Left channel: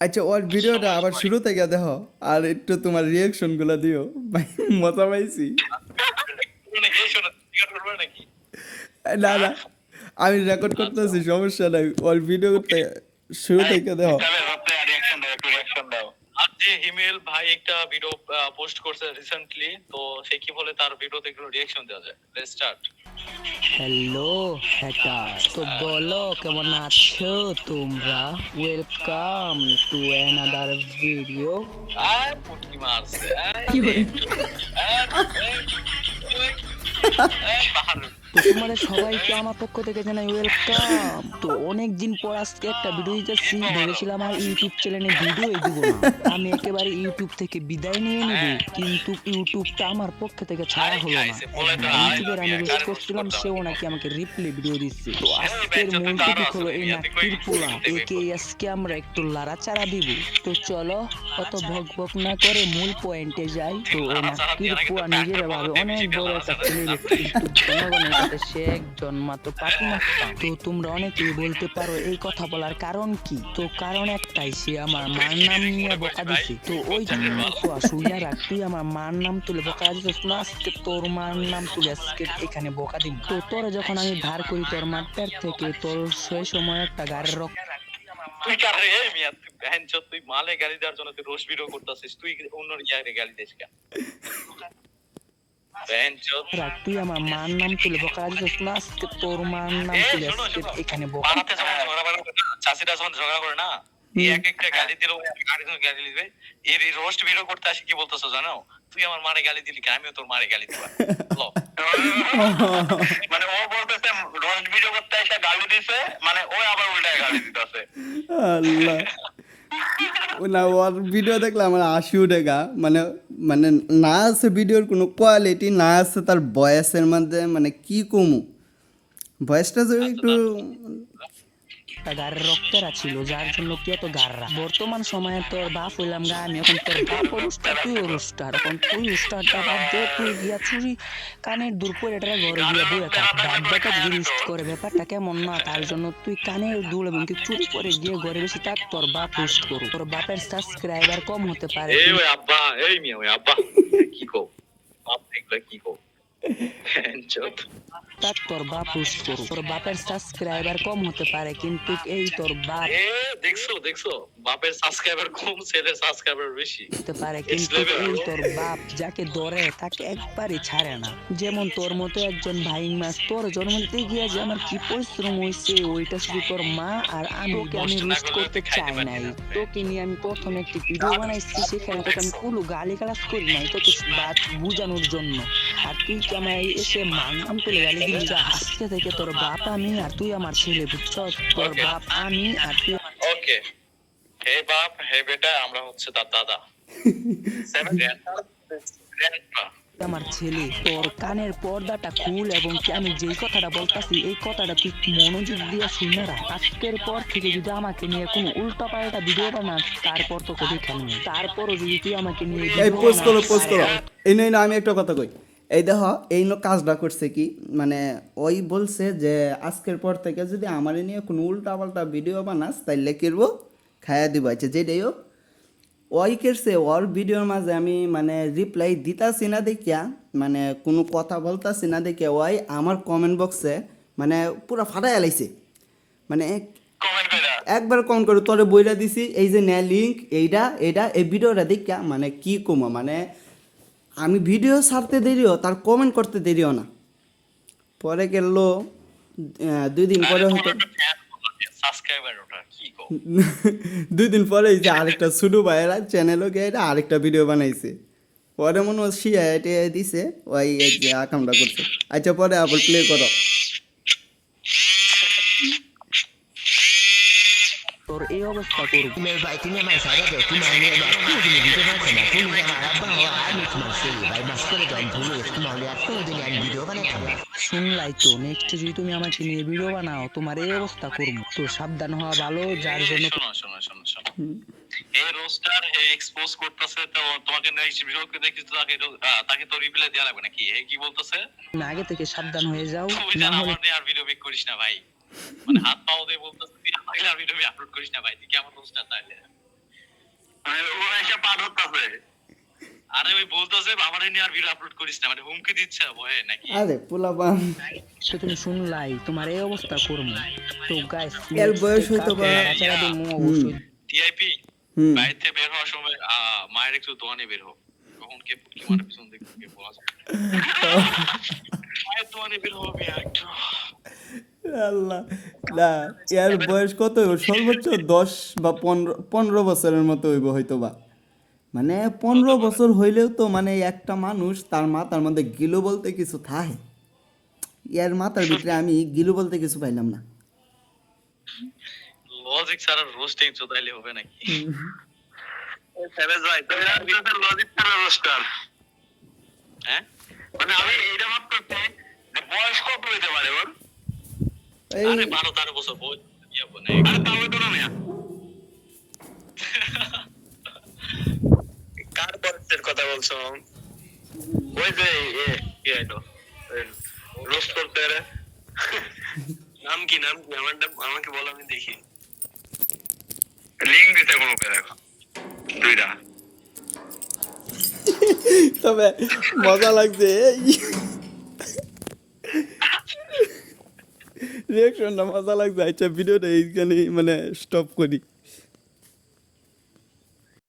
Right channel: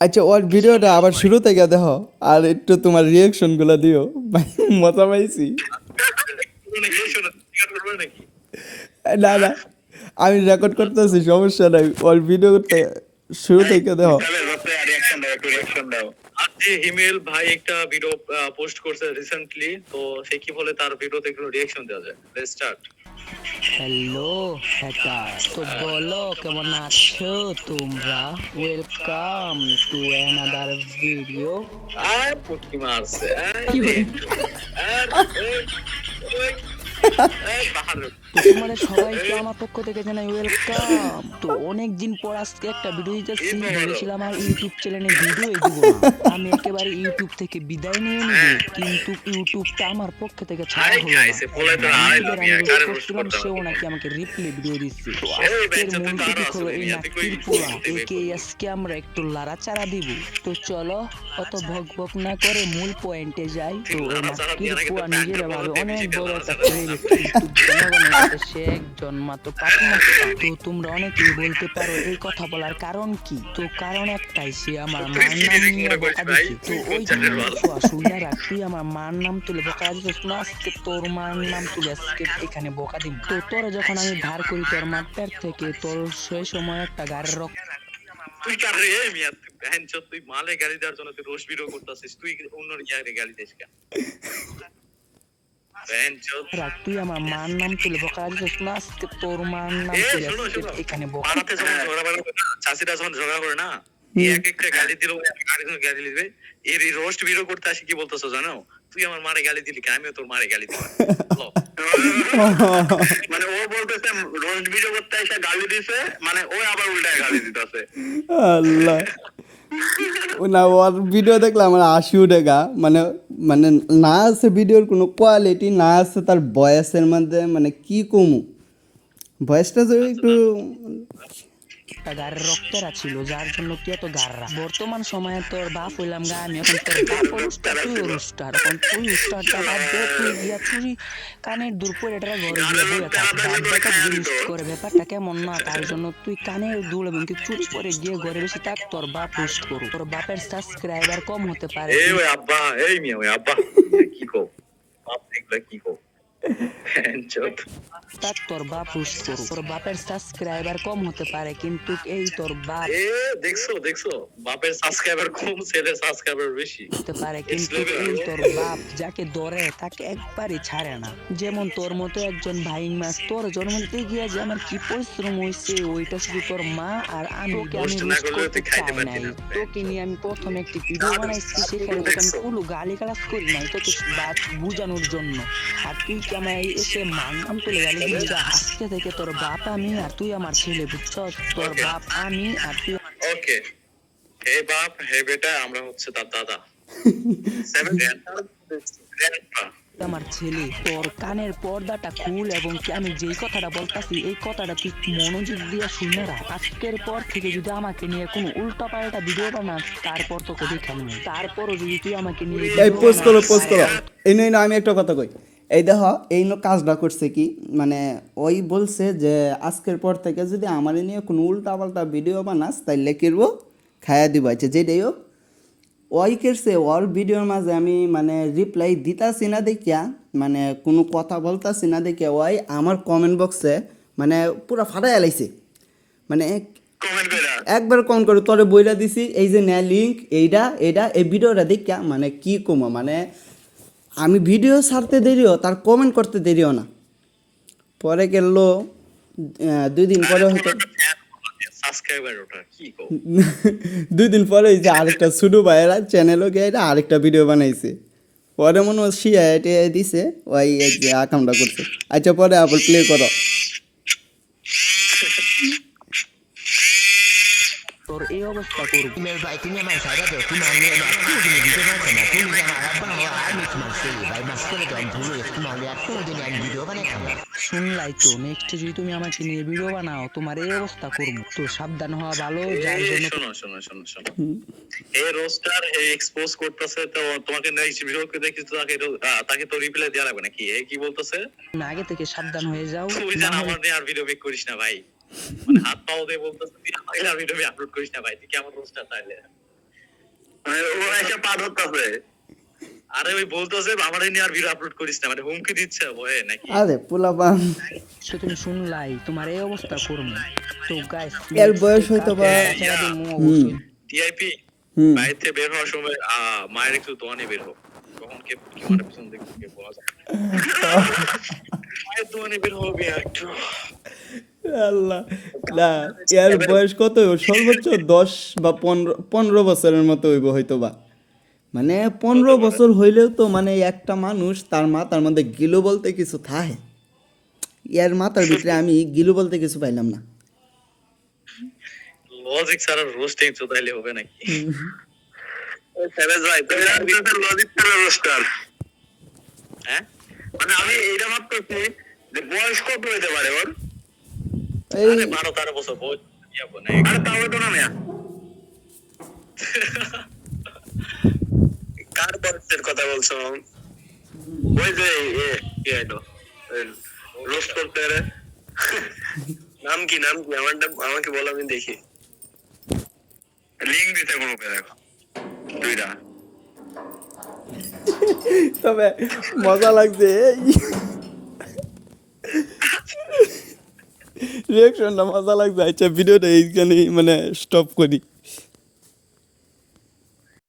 আচ্ছা ওর ভিডিওটা আবার শুরু থেকে দেখো আর একটু তোমার রিয়াকশন গুলো দিও মজা পাইছি। না না, আমি রেকর্ড করতেছি, সমস্যা নাই, ওর ভিডিওতে শুরু থেকে দেখো। আজকে হিমেল ভাই একটা ভিডিও পোস্ট করছে রিসেন্টলি, তো সে কি বলে তার ভিডিওতে একটু রিঅ্যাকশন দেওয়া যায়। Let's start. হ্যালো হ্যাটার, তো বলো কেমন আছো তোমরা? Welcome to another video. আর পুটকি মারছে কি করে? তো তোমাদের সবাইকে আমার পক্ষ থেকে জানাই ওয়েলকাম। তো অনেক দিন পর আজকে একটা ভিডিও দিতেছি, ভেবেছিলাম আর ইউটিউব চ্যানেলে ভিডিওই দিব না, আমি একেবারে ইউটিউব থেকে বিদায় নিয়ে নিব, কিন্তু ইউটিউবটা আমার পক্ষ থেকে ছাড়া হলো না। ইউটিউবের আমি রোস্ট করছিলাম, সেও নাকি আমাকে রিপ্লে ভিডিও দিচ্ছে। তো আজকের মূল টপিক হলো এই নাটকির পোলা, একে আজকে আমরা একটু লাড়াচাড়া দিব। তো চলো অত ভক ভক না করে মূল পয়েন্টে যাই। তো এই নাটকির পোলা নিজের ভাবে অনেক বড় একটা সেলিব্রিটি, কিন্তু জনগণের কাছে সে একজন মাত্র পাতি মাস্টার। তো তোমরা অনেকেই বলতে পারো এই কথা বলার কারণ কি? তো কারণ একটাই, সে আমার মার নাম নিয়ে বকা দিচ্ছে। তো ওই শুইনা রাখ, তুই আমার মার নাম তুলে বকা দিচ্ছিস না, আজকে তোর মার নাম তুলে আজকে এখানে বকা দিব। তো তোরে যখন আমি ধার করি তোর মার পেট থেকে, তোর সেই সময় একটা গাড়ির রক্ত তুই কারে মিয়া, তুই ভ্যানচো, তুই মালে গালি দেওয়ার জন্য তুই রোজ ভিডিও করতেছিস, তুই অন্য ইয়ারে গালি দিস কেন? রাখ, তুই আমার মার নাম তুলে বকা দিচ্ছিস না, আজকে তোর মার নাম তুলে আজকে এখানে বকা। পাড়াতে যখন ঝগড়া করে না, চাষিরা যখন ঝগড়া করে না, এক একটা গালি দিল, আরেকজন গালি দিবে। এর রোস্ট ভিডিও করতে আসি কি বলতেছো জানো? তুই আমার মারে গালি দিলি, আমিও তোর মারে গালি দিলাম। মানে ও বলতেছে রোস্ট ভিডিও করতে এসে গালি দিছে, মানে ও আবার উল্টায় গালি দিতেছে। আল্লাহ, না ওর ভিডিও দেখলে আমার হাসি উঠে গা, মানে মানে না আছে ভিডিওর কোনো কোয়ালিটি, না আছে তার ভয়েসের মধ্যে, মানে কি কমু ভয়েসটা যদি একটু গাড়ির রক্তেরা ছিল, যার জন্য তুই এত গাড়রা। বর্তমান সময়ে তোর বাপ হইলাম গা আমি, এখন তোর বাপ রুস্টার, তুই রুস্টার। এখন তুই রুস্টারটা বাদ দে, তুই গিয়া চুরি কানের দূর করে এটা ঘরে গিয়া বইয়া থাক। বাপ বেটা জিনিস করে ব্যাপারটা কেমন না, তার জন্য তুই কানের দুল এবং তুই চুরি করে গিয়ে ঘরে বেশি থাক, তোর বাপ রুস্ট করু। তোর বাপের সাবস্ক্রাইবার কম হতে পারে, এই ওই আব্বা, এই মিয়া ওই আব্বা কি কও, বাপ দেখলে কি কও, তাক তোর বাপ রুস্ট করু। তোর বাপের সাবস্ক্রাইবার কম হতে পারে, কিন্তু এই তোর বাপ দেখছো দেখছো, বাপের সাবস্ক্রাইবার কম, ছেলের সাবস্ক্রাইবার বেশি হতে পারে, কিন্তু এই তোর বাপ যাকে ধরে তাকে একবারই ছাড়ে না। যেমন তোর মতো একজন ভাই মাস, তোর জন্ম দিতে গিয়া যে আমার কি পরিশ্রম হয়েছে, ওইটা শুধু তোর মা আর আমি। তোকে আমি রোস্ট করতে চাই নাই, তোকে নিয়ে আমি প্রথমে একটি ভিডিও বানাইছি, সেখানে তোকে আমি কোনো গালি গালাজ করি নাই, তোকে বাদ বুঝানোর জন্য। আর তুই কি আমার এসে মান নাম তুলে গালি দিলি? আজকে থেকে তোর বাপ আমি আর তুই আমার ছেলে, বুঝছ? তোর বাপ আমি আর তুই। ওকে, হে বাপ হে বেটা, আমরা হচ্ছে তার দাদা। আমার ছেলে, তোর কানের পর্দাটা খুল, এবং কি আমি যেই কথাটা বলতাছি এই কথাটা তুই মনোযোগ দিয়ে শুনে রাখ। আজকের পর থেকে যদি আমাকে নিয়ে কোনো উল্টা পাল্টা ভিডিও বানাস, তারপর তোকে দেখে নেব। তারপরও যদি তুই আমাকে নিয়ে এই পোস্ট করো পোস্ট করো। এই নয় না, আমি একটা কথা কই, এই দেখো এই কাজটা করছে কি, মানে ওই বলছে যে আজকের পর থেকে যদি আমার নিয়ে কোনো উল্টা পাল্টা ভিডিও বানাস তাইলে কিরবো খায়া দিব। আচ্ছা যেটাই হোক, ওই কেরছে ওর ভিডিওর মাঝে আমি মানে রিপ্লাই দিতাছি না দেখিয়া, মানে কোনো কথা বলতাছি না দেখিয়া ওই আমার কমেন্ট বক্সে মানে পুরো ফাটাই লাইছে, মানে একবার কমেন্ট করে তোরে বইরা দিছি এই যে নে লিঙ্ক এইটা এইটা এই ভিডিওটা দেখা, মানে কি কমো, মানে আমি ভিডিও ছাড়তে দেরিও তার কমেন্ট করতে দেরিও না। পরে গেল 2 দিন পরে হয়তো সাবস্ক্রাইবার ওটা কি কও, 2 দিন পরে এই যে আরেকটা ছোটো ভাইয়েরা চ্যানেলও গিয়ে আরেকটা ভিডিও বানাইছে, পরে মনে হয় শিয়া এটা দিছে ওই এই যে আকামটা করছে। আচ্ছা পরে আবার প্লে করো। তোর এই অবস্থা করব। ভাই তুমি আমার সাইডে দাও, তোমার নিয়ে তুমি দিতে পারছো না, তুমি আমার আব্বা হওয়া আমি তোমার ছেলে ভাই, মাস করে দাও ভুলে তোমার আর কোনোদিন আমি ভিডিও বানাইতাম না। শুনলাই তো, নেক্সট যদি তুমি আমাকে নিয়ে ভিডিও বানাও তোমার এই অবস্থা করবো। তো সাবধান হওয়া ভালো, যার জন্য শোনো শোনো শোনো শোনো, এই রোস্টার এই এক্সপোজ করতেছে, তো তোমাকে নেক্সট ভিডিওতে দেখি তো তাকে তো রিপ্লাই দেয়া লাগবে নাকি? এই কি বলতেছে, আগে থেকে সাবধান হয়ে যাও, তুই না জান হলে আমার নিয়ে আর ভিডিও মেক করিস না ভাই, মানে হাত পাও দিয়ে বলতেছে তুই আমার আর ভিডিও আপলোড করিস না ভাই, তুই কেমন রোস্টার তাইলে? ও এসে পা ধরতেছে। আরে ওই বলতেছে আমার নিয়ে আর ভিডিও আপলোড করিস না, মানে হুমকি দিচ্ছে ভয়ে নাকি? আরে পোলাপান সে তুমি শুনলাই তোমার এই অবস্থা করবো। তো গাইস এর বয়স হয়তো বা অবশ্যই টিআইপি হুম বাইরে থেকে বের হওয়ার সময় মায়ের একটু দোয়ানে বের হোক, কখন কে কি মারে পিছন দিক থেকে বলা যায় না। মায়ের দোয়ানে বের হবে একটু। আল্লাহ না এর বয়স কত হইব? সর্বোচ্চ 10 বা 15 বছরের মতো হইব হয়তো বা। মানে 15 বছর হইলেও তো মানে একটা মানুষ তার মাথার মধ্যে গিলু বলতে কিছু থাকে, এর মাথার ভিতরে আমি গিলু বলতে কিছু পাইলাম না। লজিক ছাড়া রোস্টিং চোদাইলে হবে নাকি? সেভেজ ভাই তো লজিক ছাড়া রোস্টার। হ্যাঁ মানে আমি এটা ভাবতেছি যে বয়স কত হইতে পারে ওর? এই আরে 12-13 বছর বয়স ইয়াবো না। আরে তাও তো না মিয়া। কার বয়সের কথা বলছো? ওই যে কি হলো রোস্ট করতে রে। নাম কি আমাকে বলো, আমি দেখি। লিংক দিতে গ্রুপে দেখো দুইটা। তবে মজা লাগছে, রিয়াকশনটা মজা লাগছে। আচ্ছা ভিডিওটা এইখানে মানে স্টপ করি।